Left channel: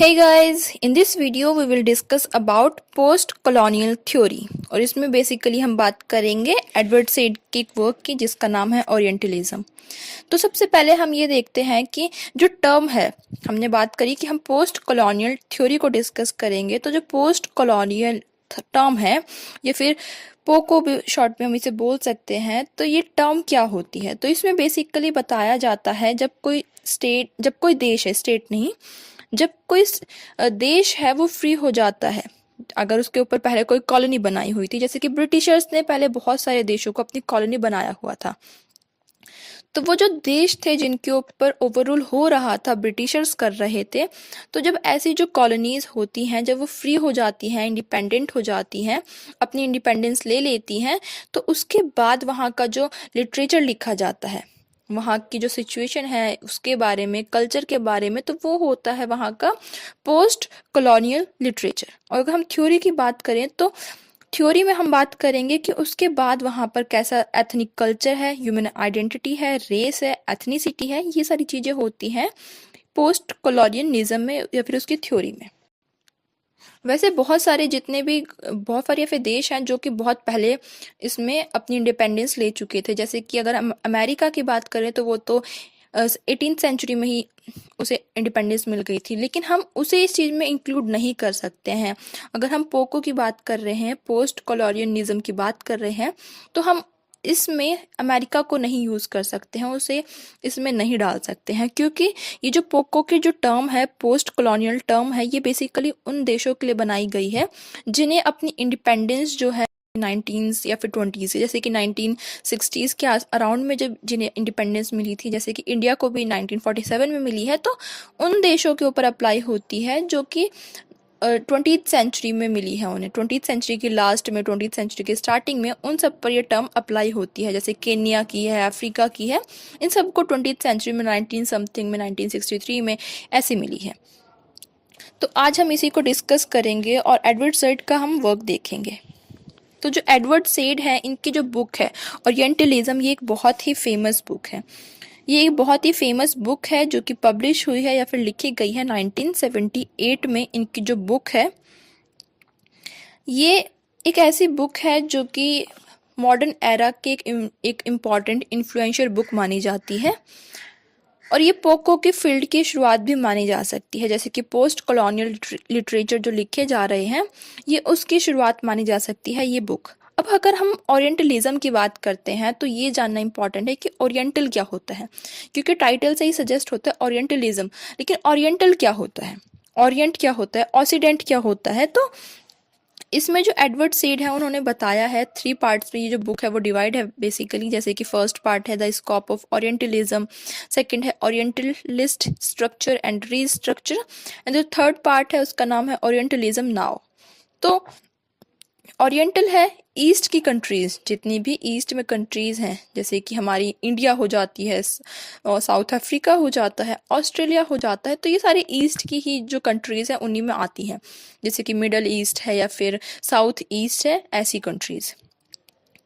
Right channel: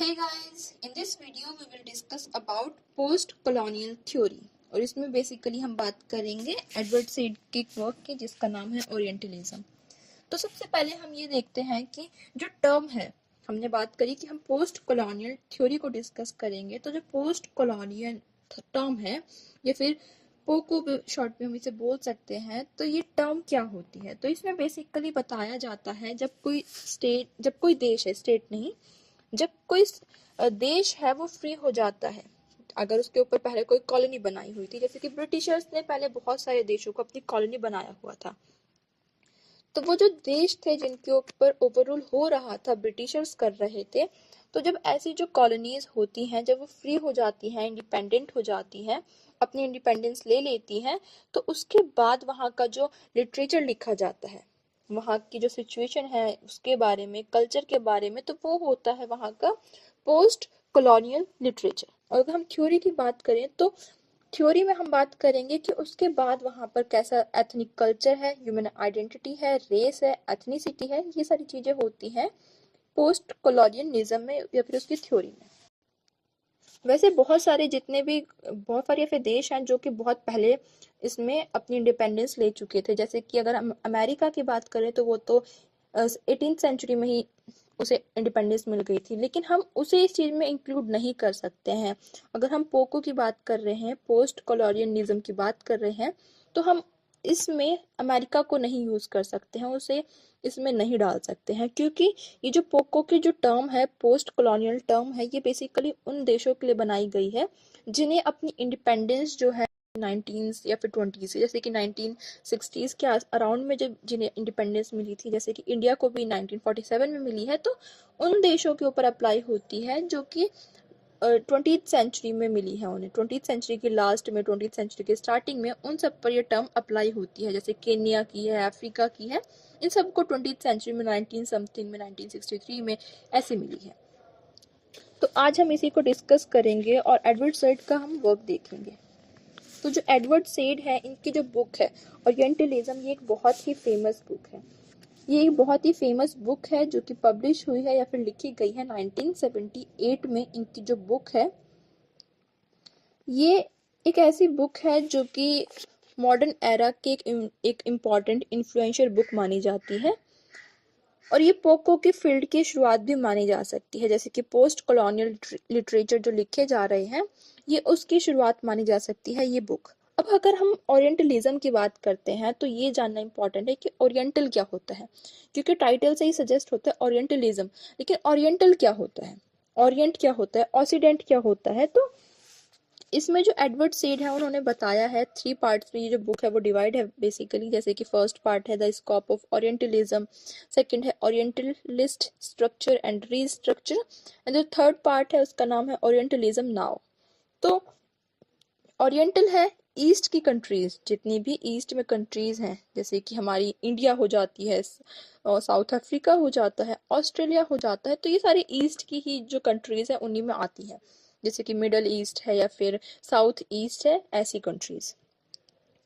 Hey guys, in this video we will discuss about post colonial theory और इसमें basically हम बात करेंगे एडवर्ड सैड की वर्क की जिसका नाम है ओरिएंटलिज्म। तो सबसे पहले हम ये देखते हैं कि जो टर्म है, हमने बात करी कि हम पोस्ट कॉलोनियल थ्योरी को डिस्कस करेंगे। तो जो पोस्ट कॉलोनियल टर्म है या फिर पोको भी शॉर्ट में हम इसे बोल सकते हैं, तो ये टर्म क्या होती है। तो इसमें बेसिकली बताया जाता है जब कोई देश है, स्टेट नहीं, जब कोई देश है वो फ्री हो जाता है, अगर उसके ऊपर पहले कोई कॉलोनी बनाई हुई थी, जैसे कि ब्रिटिशर्स ने पहले बहुत सारे देशों को अपनी कॉलोनी बनाया हुआ था। तो वो जो देश थे जिनके ऊपर ओवररूल हो रहा था, ब्रिटिशर्स कर रहे थे, तो जब ऐसी जो कॉलोनीज होती हैं, जब वो फ्री हो जाती हैं, इंडिपेंडेंट हो जाती हैं, अपनी इंडिपेंडेंस ले लेती हैं, तो उसके बाद वहाँ का जो लिटरेचर लिखा जाता है, वहाँ की जो सिचुएशन है उसके बारे में, कल्चर के बारे में, तो वो होता है वहाँ का पोस्ट कॉलोनियल लिटरेचर। और अगर हम थ्योरी की बात करें तो थ्योरी में हम बात करेंगे कि उसके बाद वहाँ पर कैसा एथनिक कल्चर है, ह्यूमन आइडेंटिटी है, रेस है, एथनिसिटी है, ये सारी चीज़ें होती हैं पोस्ट कॉलोनियलिज्म में या फिर उसकी थ्योरी में। वैसे बहुत सारे ऐसे देश हैं जो कि बहुत पहले इसमें अपनी इंडिपेंडेंस ले चुके थे। जैसे कि अगर हम अमेरिका की बात करें तो वो तो 18th सेंचुरी में ही उसे इंडिपेंडेंस मिल गई थी, लेकिन हम उसे इस चीज़ में इंक्लूड नहीं कर सकते हैं। अगर हम पोको की बात कर रहे हैं, पोस्ट कॉलोनियलिज्म की बात कर रहे हैं, तो हम इसमें अमेरिका को नहीं यूज़ कर सकते हैं, उसे इसमें नहीं डाल सकते हैं, क्योंकि ये जो पोको की जो टर्म है, पोस्ट कॉलोनियल टर्म है, ये बेसिकली उन देशों के लिए बनाई गई है जिन्हें अपनी इंडिपेंडेंस जो है 19 या फिर 20 से, जैसे कि 1960s के अराउंड में जब जिन्हें इंडिपेंडेंस मिली थी, जैसे कि इंडिया को भी 1947 में मिली है, तो उन देशों के ऊपर अप्लाई होती है जो कि 20th सेंचुरी में मिली है उन्हें। 20th सेंचुरी की लास्ट में, 20th सेंचुरी के स्टार्टिंग में उन सब पर यह टर्म अप्लाई होती है। जैसे केन्या की है, अफ्रीका की है, इन सबको 20th सेंचुरी में 19 समथिंग में, 1963 में ऐसे मिली है। तो आज हम इसी को डिस्कस करेंगे और एडवर्ड सैड का हम वर्क देखेंगे। तो जो एडवर्ड सैड है, इनकी जो बुक है ओरिएंटलिज्म, ये एक बहुत ही फेमस बुक है। ये एक बहुत ही फेमस बुक है जो कि पब्लिश हुई है या फिर लिखी गई है 1978 में। इनकी जो बुक है, ये एक ऐसी बुक है जो कि मॉडर्न एरा के एक इम्पॉर्टेंट इन्फ्लुएंशियल बुक मानी जाती है, और ये पोको की फील्ड की शुरुआत भी मानी जा सकती है। जैसे कि पोस्ट कॉलोनियल लिटरेचर जो लिखे जा रहे हैं, ये उसकी शुरुआत मानी जा सकती है ये बुक। अब अगर हम ओरिएंटलिज्म की बात करते हैं तो ये जानना इंपॉर्टेंट है कि ओरिएंटल क्या होता है, क्योंकि टाइटल से ही सजेस्ट होता है ओरिएंटलिज्म, लेकिन ओरिएंटल क्या होता है, ओरिएंट क्या होता है, ऑक्सीडेंट क्या होता है। तो इसमें जो एडवर्ड सैड है उन्होंने बताया है 3 पार्ट्स में ये जो बुक है वो डिवाइड है बेसिकली। जैसे कि फर्स्ट पार्ट है the scope of orientalism, second है orientalist structure and restructure, and जो थर्ड पार्ट है उसका नाम है ओरिएंटलिज्म नाउ। तो ओरिएंटल है ईस्ट की कंट्रीज़, जितनी भी ईस्ट में कंट्रीज़ हैं, जैसे कि हमारी इंडिया हो जाती है, और साउथ अफ्रीका हो जाता है, ऑस्ट्रेलिया हो जाता है, तो ये सारी ईस्ट की ही जो कंट्रीज़ हैं उन्हीं में आती हैं। जैसे कि मिडल ईस्ट है या फिर साउथ ईस्ट है, ऐसी कंट्रीज़।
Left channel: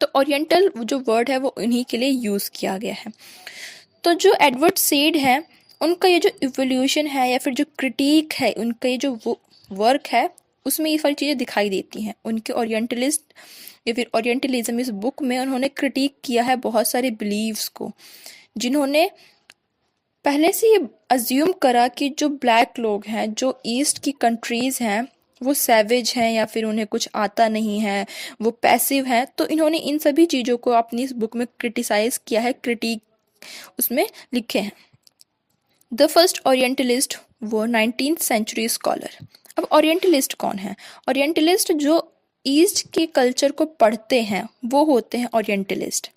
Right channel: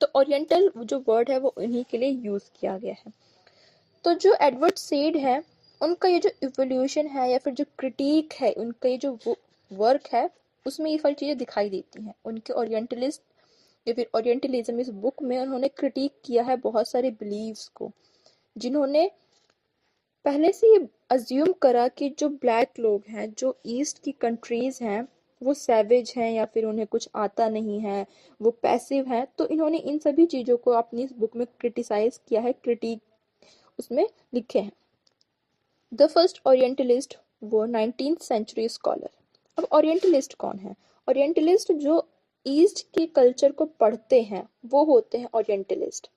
तो ओरिएंटल जो वर्ड है वो इन्हीं के लिए यूज़ किया गया है। तो जो एडवर्ड सैड है, उनका ये जो इवोल्यूशन है या फिर जो क्रिटिक है, उनका ये जो वर्क है, उसमें ये सारी चीज़ें दिखाई देती हैं। उनके ओरिएंटलिस्ट या फिर ओरिएंटलिज्म इस बुक में उन्होंने क्रिटिक किया है बहुत सारे बिलीव्स को, जिन्होंने पहले से ये अज्यूम करा कि जो ब्लैक लोग हैं, जो ईस्ट की कंट्रीज़ हैं, वो सैवेज हैं या फिर उन्हें कुछ आता नहीं है, वो पैसिव हैं। तो इन्होंने इन सभी चीज़ों को अपनी इस बुक में क्रिटिसाइज़ किया है, क्रिटिक उसमें लिखे हैं। द फर्स्ट ओरिएंटलिस्ट वो 19th सेंचुरी स्कॉलर। अब ओरिएंटलिस्ट कौन है? ओरिएंटलिस्ट जो ईस्ट के कल्चर को पढ़ते हैं वो होते हैं ओरिएंटलिस्ट।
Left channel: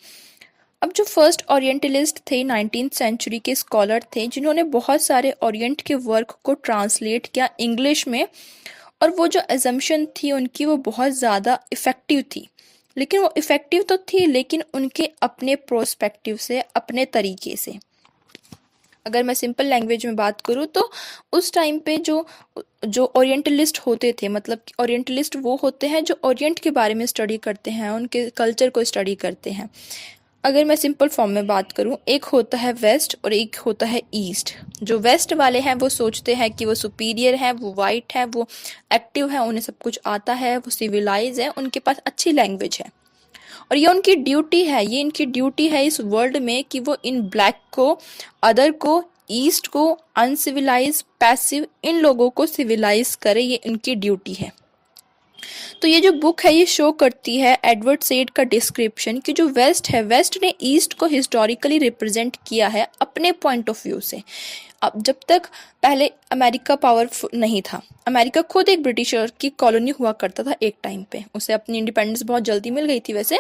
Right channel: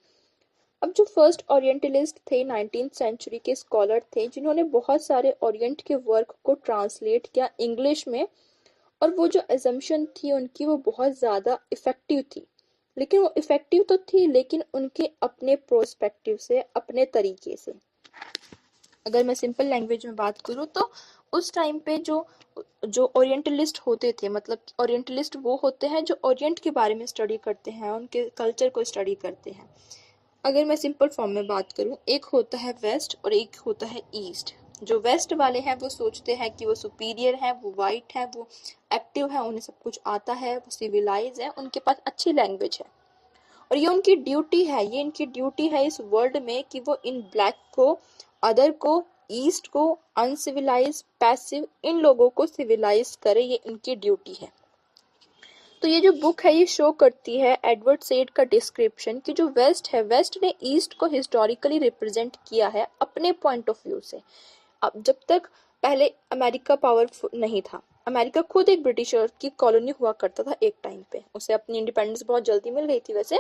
अब जो फर्स्ट ओरिएंटलिस्ट थे 19th सेंचुरी के स्कॉलर थे, जिन्होंने बहुत सारे ओरिएंट के वर्क को ट्रांसलेट किया इंग्लिश में, और वो जो एजम्पशन थी उनकी वो बहुत ज़्यादा इफ़ेक्टिव थी। लेकिन वो इफ़ेक्टिव तो थी, लेकिन उनके अपने प्रोस्पेक्टिव से, अपने तरीके से। अगर मैं सिंपल लैंग्वेज में बात करूँ तो उस टाइम पे जो जो ओरिएंटलिस्ट होते थे, मतलब ओरिएंटलिस्ट वो होते हैं जो ओरिएंट के बारे में स्टडी करते हैं, उनके कल्चर को स्टडी करते हैं। अगर मैं सिंपल फॉर्म में बात करूं, एक होता है वेस्ट और एक होता है ईस्ट। जो वेस्ट वाले हैं वो सोचते हैं कि वो सुपीरियर हैं, वो वाइट हैं, वो एक्टिव हैं, उन्हें सब कुछ आता है, वो सिविलाइज हैं, उनके पास अच्छी लैंग्वेज है और ये उनकी ड्यूटी है, ये इनकी ड्यूटी है इस वर्ल्ड में कि वो इन ब्लैक को, अदर को, ईस्ट को, अनसिविलाइज, पैसिव, इन लोगों को सिविलाइज करे, ये इनकी ड्यूटी है। तो ये जो बुक है ये शो करती है एडवर्ड सेड का डिस्क्रिप्शन कि जो वेस्ट है, वेस्ट ने ईस्ट को हिस्टोरिकली रिप्रेजेंट किया है अपने पॉइंट ऑफ व्यू से। अब जब तक पहले अमेरिका पावरफुल नहीं था, अमेरिका खुद एक ब्रिटिशर की कॉलोनी हुआ करता था एक टाइम पे, उसे अपनी इंडिपेंडेंस बहुत जल्दी मिल गई थी वैसे,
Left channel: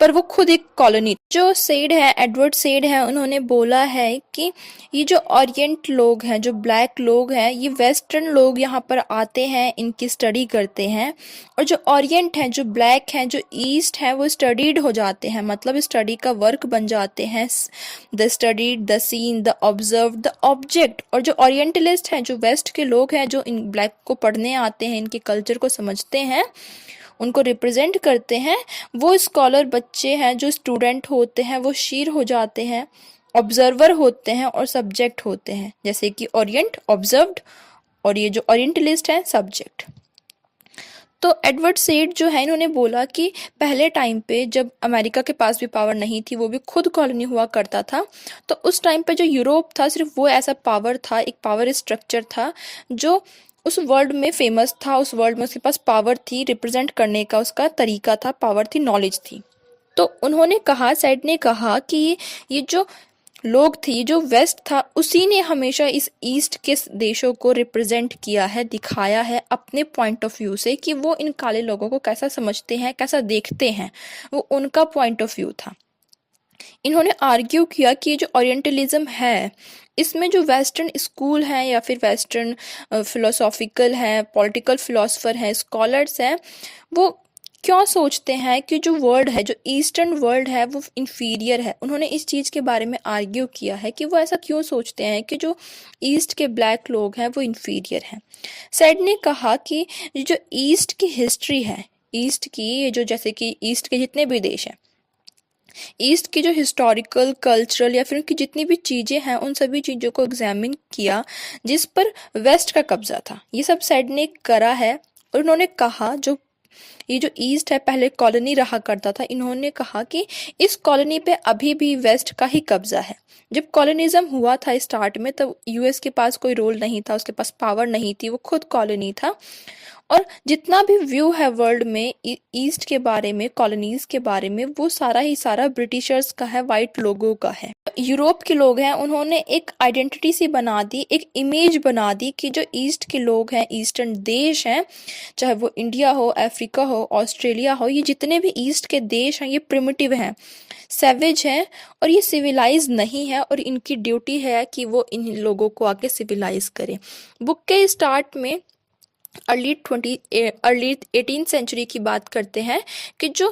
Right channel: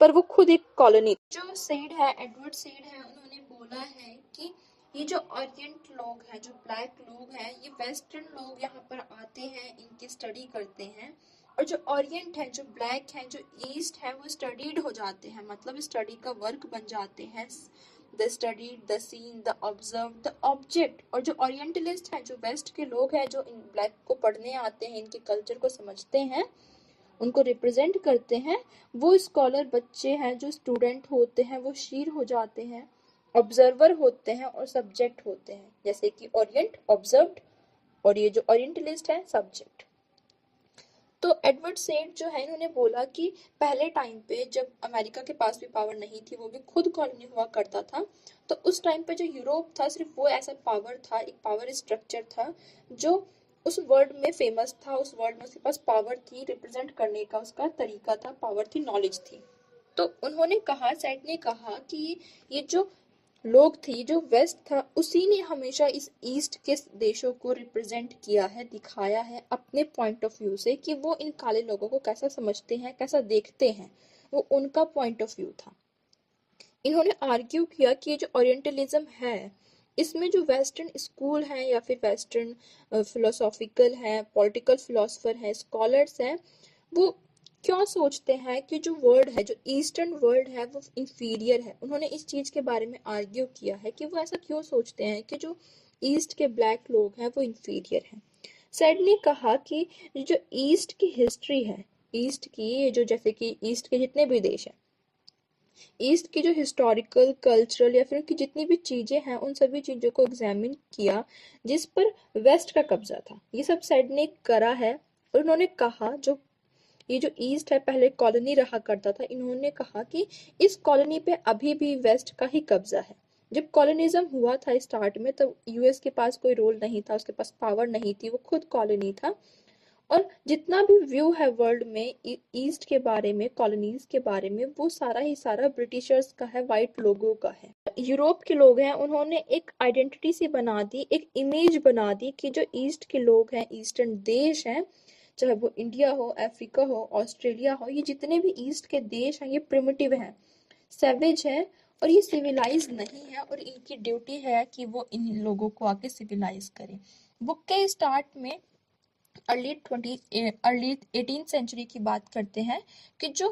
पर वो खुद एक कॉलोनी। जो सेड है, एडवर्ड सेड है, उन्होंने बोला है कि ये जो ओरिएंट लोग हैं, जो ब्लैक लोग हैं, ये वेस्टर्न लोग यहाँ पर आते हैं, इनकी स्टडी करते हैं, और जो ओरिएंट हैं, जो ब्लैक हैं, जो ईस्ट हैं, वो स्टडीड हो जाते हैं, मतलब स्टडी का वर्क बन जाते हैं, the studied, the scene, the observe, the object. और जो ओरिएंटलिस्ट हैं, जो वेस्ट के लोग हैं, जो इन ब्लैक को पढ़ने आते हैं, इनके कल्चर को समझते हैं, उनको रिप्रेजेंट करते हैं, वो स्कॉलर बच्चे हैं, जो स्टूडेंट होते हैं, वो शीर हो जाते हैं, ऑब्जर्वर होते हैं और सब्जेक्ट होते हैं, जैसे कि ओरिएंट ऑब्जर्व्ड और ये जो ओरिएंटलिस्ट हैं सब्जेक्ट। तो एडवर्ड सेड जो है, इन्होंने बोला कि पहले टाइम पे जब अमेरिका के पास भी पावर नहीं थी, वो भी खुद कॉलोनी हुआ करता था, तो उस टाइम पे जो यूरोप था, सिर्फ वो ऐसा पावर था, एक पावर स्ट्रक्चर था जो उस वर्ल्ड में फेमस था, उस वर्ल्ड में उसके पास पावर थी, रिप्रेजेंट करने का उसका तरीका था, पावर थी, नॉलेज थी। तो उन्होंने कहा, सेड ने कहा कि ये जो लोग थी, जो वेस्ट था, उसी ने हमेशा इस ईस्ट के देशों को रिप्रेजेंट किया है, दिखाया है अपने पॉइंट ऑफ व्यू से कि वो इन काले लोगों को कैसा समझते हैं, कैसा देखते हैं, वो उनका पॉइंट ऑफ व्यू था। इन्होंने आर्ग्यू किया कि जो ओरिएंटलिज्म है, इसमें जो वेस्टर्न स्कूल हैं या फिर वेस्टर्न फिलोसॉफिकल हैं, पॉलिटिकल फिलोसफर हैं, स्कॉलर्स हैं, वो क्यों सोचते हैं कि जो वर्ल्ड है, जो ईस्टर्न वर्ल्ड है, वो इन्फीरियर है। उन्होंने इस चीज़ के बारे में आर्ग्यू किया है कि वो ऐसा क्यों सोचते हैं कि जो ईस्ट के ब्लैक लोग हैं वो इन्फीरियर हैं। सेड ने कहा कि जो ईस्ट की हिस्ट्री है, ईस्ट की ये जो, जैसे कि ईस्ट के जितने भी देश हैं, ईस्ट की जो हिस्टोरिकल, कल्चरल या फिर उनकी जितनी भी चीज़ें हैं, उन सभी चीज़ों को एग्जामिन किया जिस पर वेस्ट का कब्जा था। ये सब सेड ने करा है और उन्होंने कहा जो ये जो ईस्ट है पहले कॉलोनी रहा करता था, इन्होंने कहा कि इस कॉलोनी पे अभी भी वेस्ट का ही कब्जा है। जब कॉलोनिज्म हुआ था स्टार्ट में, तब यूएस के पास कोई रोल नहीं था, उसके पास पावर नहीं थी, वो खुद कॉलोनी था। और जितना भी व्यू है वर्ल्ड में ईस्ट के बारे में, कॉलोनीज के बारे में, वो सारा ही सारा ब्रिटिशर्स का है, वाइट लोगों का है। यूरोप के लोग हैं, उन्होंने एक आइडेंटिटी सी बना दी, एक इमेज बना दी कि जो ईस्ट के लोग हैं, ईस्टर्न देश हैं, चाहे वो इंडिया हो, अफ्रीका हो, ऑस्ट्रेलिया हो, ये जितने भी ईस्ट के देश हैं, ये प्रिमिटिव हैं, सैवेज हैं और ये सिविलाइज नहीं है, और इनकी ड्यूटी है कि वो इन लोगों को आके सिविलाइज करें। बुक के स्टार्ट में अर्ली 18th सेंचुरी की बात करते हैं कि जो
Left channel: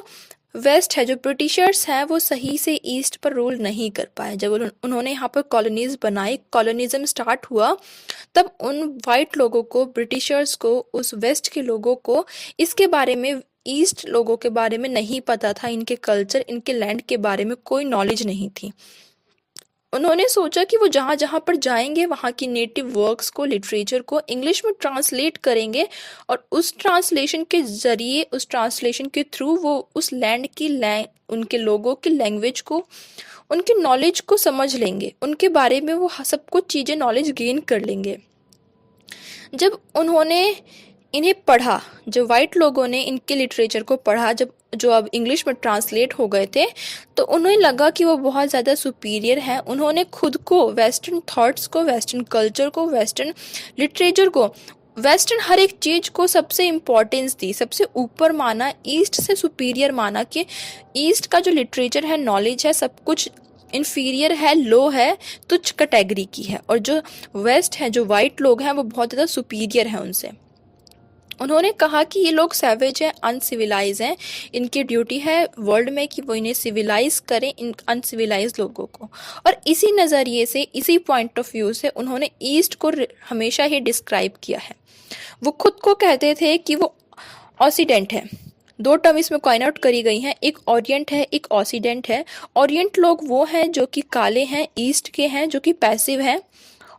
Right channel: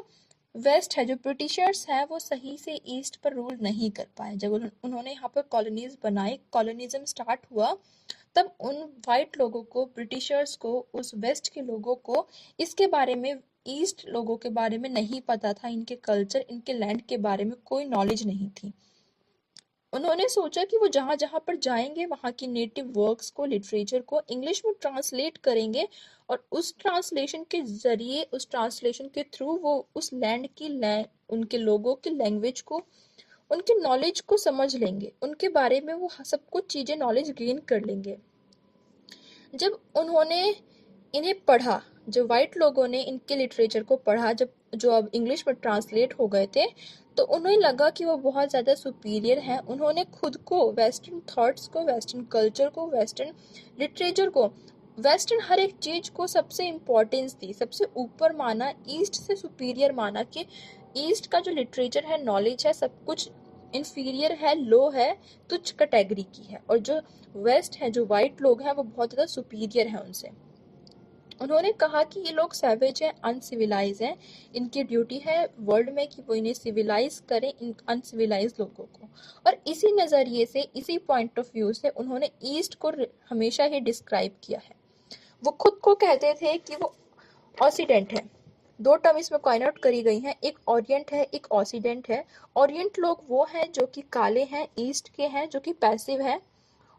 वेस्ट है, जो ब्रिटिशर्स हैं, वो सही से ईस्ट पर रूल नहीं कर पाए। जब उन्होंने यहाँ पर कॉलोनीज बनाई, कॉलोनिज्म स्टार्ट हुआ, तब उन वाइट लोगों को, ब्रिटिशर्स को, उस वेस्ट के लोगों को इसके बारे में, ईस्ट लोगों के बारे में नहीं पता था, इनके कल्चर, इनके लैंड के बारे में कोई नॉलेज नहीं थी। उन्होंने सोचा कि वो जहाँ जहाँ पर जाएंगे वहाँ की नेटिव वर्क्स को, लिटरेचर को इंग्लिश में ट्रांसलेट करेंगे और उस ट्रांसलेशन के ज़रिए, उस ट्रांसलेशन के थ्रू वो उस लैंड की, उनके लोगों की लैंग्वेज को, उनकी नॉलेज को समझ लेंगे, उनके बारे में वो सब कुछ चीज़ें नॉलेज गेन कर लेंगे। जब उन्होंने इन्हें पढ़ा, जो वाइट लोगों ने इनके लिटरेचर को पढ़ा, जब जो अब इंग्लिश में ट्रांसलेट हो गए थे, तो उन्हें लगा कि वो बहुत ज़्यादा सुपीरियर हैं। उन्होंने खुद को, वेस्टर्न थॉट्स को, वेस्टर्न कल्चर को, वेस्टर्न लिटरेचर को, वेस्टर्न हर एक चीज़ को सबसे इम्पोर्टेंस दी, सबसे ऊपर माना, ईस्ट से सुपीरियर माना कि ईस्ट का जो लिटरेचर है, नॉलेज है, सब कुछ इन्फीरियर है, लो है, तुच्छ कैटेगरी की है, और जो वेस्ट है, जो वाइट लोग हैं, वो बहुत ज़्यादा सुपीरियर है उनसे। उन्होंने कहा कि ये लोग सैवेज हैं, अनसिविलाइज हैं, इनकी ड्यूटी है वर्ल्ड में कि वो इन्हें सिविलाइज करें, इन अनसिविलाइज लोगों को। और इसी नज़रिए से, इसी पॉइंट ऑफ व्यू से उन्होंने ईस्ट को हमेशा ही डिस्क्राइब किया है। वो खुद को कहते थे कि वो ऑक्सीडेंट है, दो टर्म इसमें कॉइन आउट करी गई हैं, एक ओरिएंट है, एक ऑक्सीडेंट है। ओरिएंट लोग वो हैं जो कि काले हैं, ईस्ट के हैं जो कि पैसिव हैं,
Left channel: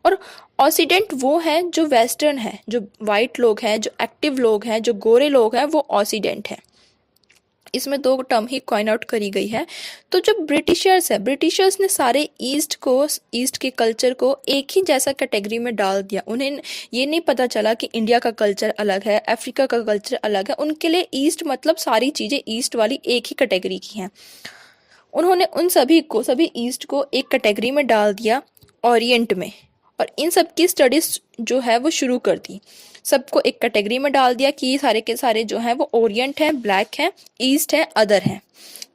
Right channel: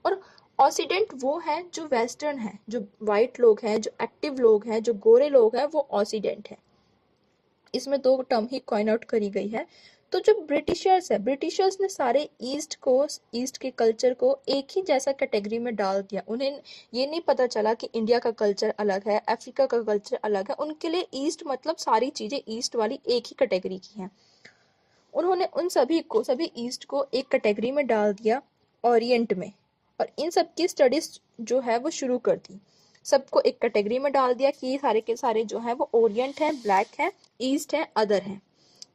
और ऑक्सीडेंट वो हैं जो वेस्टर्न है, जो वाइट लोग हैं, जो एक्टिव लोग हैं, जो गोरे लोग हैं, वो ऑक्सीडेंट हैं। इसमें दो टर्म ही कॉइन आउट करी गई है। तो जो ब्रिटिशर्स है, ब्रिटिशर्स ने सारे ईस्ट के कल्चर को एक ही जैसा कैटेगरी में डाल दिया। उन्हें ये नहीं पता चला कि इंडिया का कल्चर अलग है, अफ्रीका का कल्चर अलग है। उनके लिए ईस्ट मतलब सारी चीज़ें ईस्ट वाली एक ही कैटेगरी की हैं। उन्होंने उन सभी ईस्ट को एक कैटेगरी में डाल दिया, ओरिएंट में, और इन सब की स्टडीज जो है वो शुरू कर दी। सबको एक कैटेगरी में डाल दिया कि ये सारे के सारे जो हैं वो ओरिएंट हैं, ब्लैक हैं, ईस्ट है, अदर हैं,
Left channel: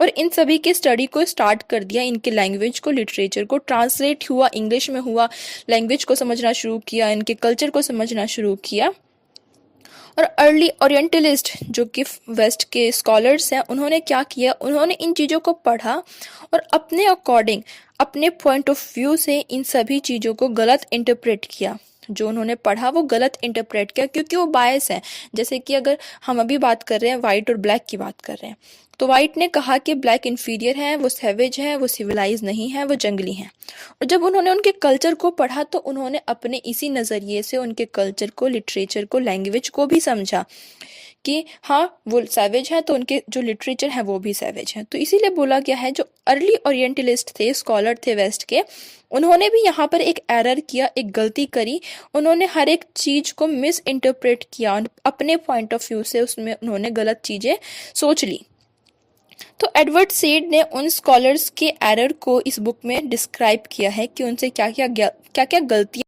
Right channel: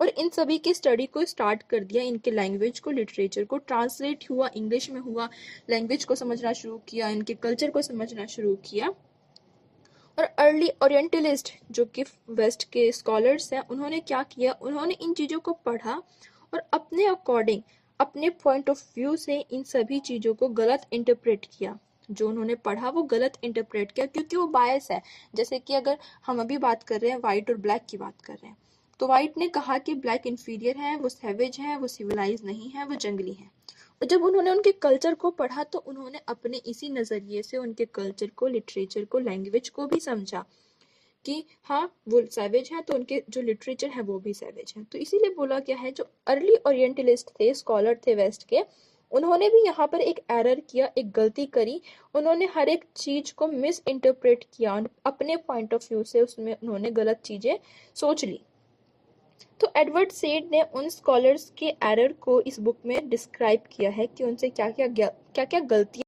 और इन सभी की स्टडी को स्टार्ट कर दिया। इनके लैंग्वेज को, लिटरेचर को ट्रांसलेट हुआ, इंग्लिश में हुआ, लैंग्वेज को समझना शुरू किया, इनके कल्चर को समझना शुरू किया। और अर्ली ओरिएंटलिस्ट जो कि वेस्ट के स्कॉलर्स हैं, उन्होंने क्या किया, उन्होंने इन चीज़ों को पढ़ा और अपने अकॉर्डिंग, अपने पॉइंट ऑफ व्यू से इन सभी चीज़ों को गलत इंटरप्रेट किया। जो उन्होंने पढ़ा वो गलत इंटरप्रेट किया, क्योंकि वो बायस है। जैसे कि अगर हम अभी बात कर रहे हैं वाइट और ब्लैक की बात कर रहे हैं, तो वाइट ने कहा कि ब्लैक इन्फीरियर है, वो सैवेज है, वो सिविलाइज नहीं है, वो जंगली है। और जब उन्होंने उनके कल्चर को पढ़ा तो उन्होंने अपने इसी नज़रिए से उनके कल्चर को, लिटरेचर को, लैंग्वेज को भी समझा कि हाँ वो सैवेज है, तो उनके जो लिटरेचर है वो भी सैवेज है। तो इसीलिए बोला गया है, जो अर्ली ओरिएंटलिस्ट थे, स्कॉलर थे वेस्ट के, उन्होंने भी यहाँ पर एक एरर किया, एक गलती करी। उन्होंने हर एक चीज़ को मिस इंटरप्रेट किया, अपने पॉइंट ऑफ व्यू से उसमें उन्होंने गलत चीज़ें सोच ली। तो एडवर्ड सेड ने उन स्कॉलर्स के एरर को इस बुक में डिस्क्राइब किया है कि उनसे क्या क्या गलतियाँ,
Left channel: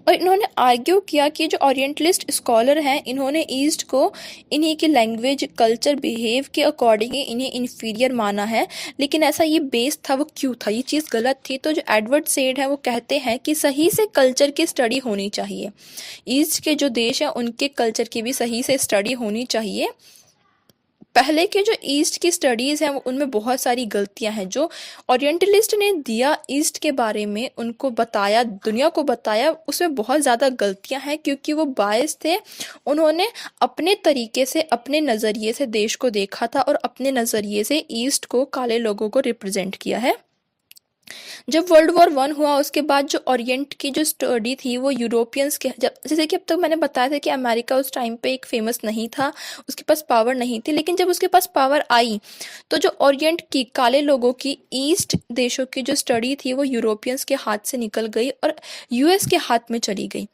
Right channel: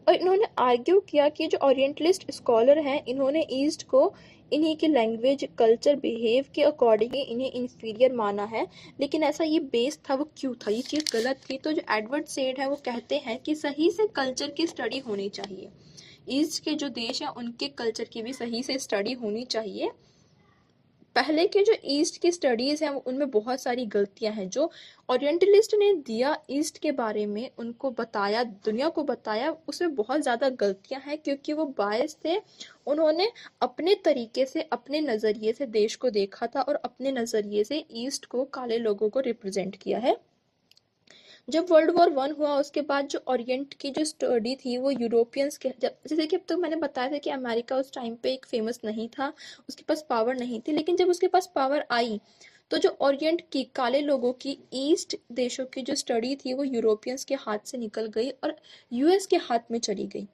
और इन्होंने आर्ग्यू किया कि जो ओरिएंटलिस्ट स्कॉलर हैं, इन्होंने ईस्ट को इन्हीं की लैंग्वेज, कल्चर, बिहेव के अकॉर्डिंग ही इन्हें इन्फीरियर माना है। लेकिन ऐसा ये बेस था, वो क्यों था, ये चीज़ गलत थी। तो जो एडवर्ड सेड है वो कहते हैं कि सही से कल्चर की स्टडी होनी चाहिए। ईस्ट के जो देश हैं उनके कल्चर की भी सही से स्टडी होनी चाहिए। पहले के जो ईस्ट की स्टडीज़ हैं उनमें बहुत सारी गलतियां हैं। जो ओरिएंटलिस्ट ने दिया ईस्ट के बारे में, उनको बताया, दुनिया को बताया, उसमें बहुत ज़्यादा गलतियां हैं, क्योंकि वो बायस थे। उन्होंने अपने तरीके से, अपने नज़रिए से देश को देखा था और अपने नज़रिए से ईस्ट को, काले लोगों को रिप्रेजेंट किया है। जब वर्ल्ड वॉर 1 हुआ उसके बाद जो ओरिएंट की जो स्टडी थी वो यूरोपियंस के, जब जैसे कि अब तक मैंने बताया था कि अमेरिका उस टाइम पे एक फेमस नहीं था, उसके पास पावर नहीं थी। लेकिन जब उसके पास पावर आई तो जो ओरिएंट की, काले लोगों की, ईस्ट देशों की जो स्टडी थी वो यूरोपियंस के हाथ से निकल गई और यूएस के हाथ में चली गई।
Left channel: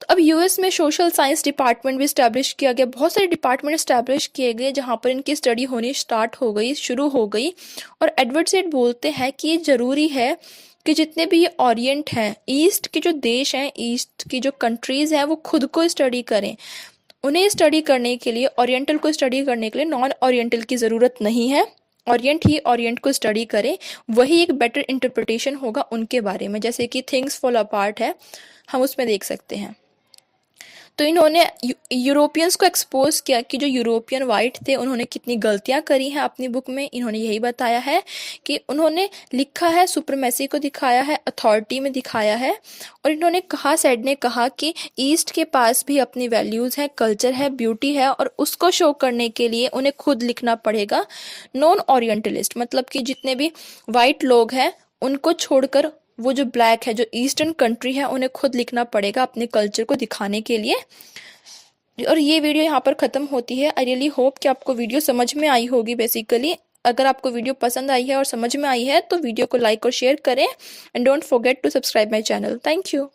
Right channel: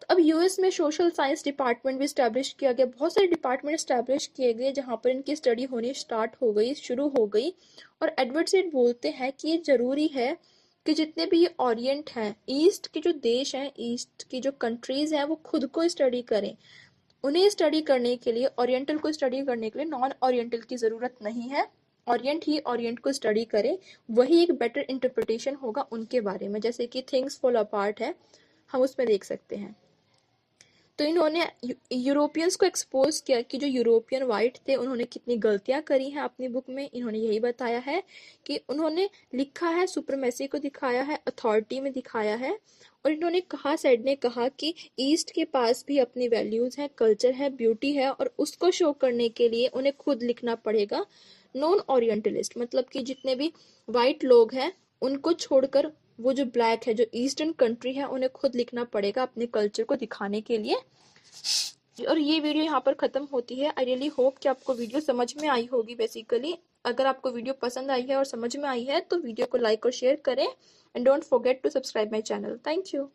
तो अब यूएस में सोशल साइंस डिपार्टमेंट भी इस्टेब्लिश किया गया, बहुत सारे डिपार्टमेंट इस्टेब्लिश किए गए जहाँ पर इनकी स्टडी होनी स्टार्ट हो गई, शुरू हो गई। और एडवर्ड सेड बोलते हैं कि ये ज़रूरी है कि जितने भी ये ओरिएंट हैं, ईस्ट के जो देश हैं, ईस्ट की जो कंट्रीज़ हैं, वो खुद को स्टडी करें। उन्हें स्टडी करने के लिए, ओरिएंटल को स्टडी करने के लिए नॉन ओरिएंटल की ज़रूरत नहीं है। ओरिएंट ही ओरिएंट को स्टडी करें, वही एक बेटर इंटरप्रिटेशन होगा उनके बारे में। जैसे कि थिंग्स फॉल अपार्ट है, हम उसमें देख सकते हैं। तो इन्होंने यूरोपियंस को एक्सपोज किया कि जो यूरोपियन वाइट थे उन्होंने कितनी गलतियां करी हैं अपनी बुक में। इन्होंने यही बताया है कि उन्होंने लिखा है, सुप्रीमेसी को दिखाया है, अथॉरिटी में दिखाया है। और इन्होंने कहा, सेड ने कहा कि ईस्ट के पास भी अपनी वैल्यूज़ है, कल्चर है, ब्यूटी है, और उसको शो करने के लिए उन्हें खुद लिखना पड़ेगा। नॉन ओरिएंटलिस्ट मतलब कि जितने भी वाइट लोग हैं उनको छोड़कर वो जो ब्लैक है, जो ईस्टर्न कंट्री है, उन्हें खुद लिखना पड़ेगा अपने कल्चर को दिखाने के लिए। और ये वीडियो यहाँ पर ख़त्म होती है। आई रियली होप कि आपको वीडियो समझ में आई होगी। बेसिकली अगर आपको वीडियो पसंद आई है और समझ में आई है तो वीडियो को लाइक और शेयर करें, and don't forget to subscribe my channel. Thank you.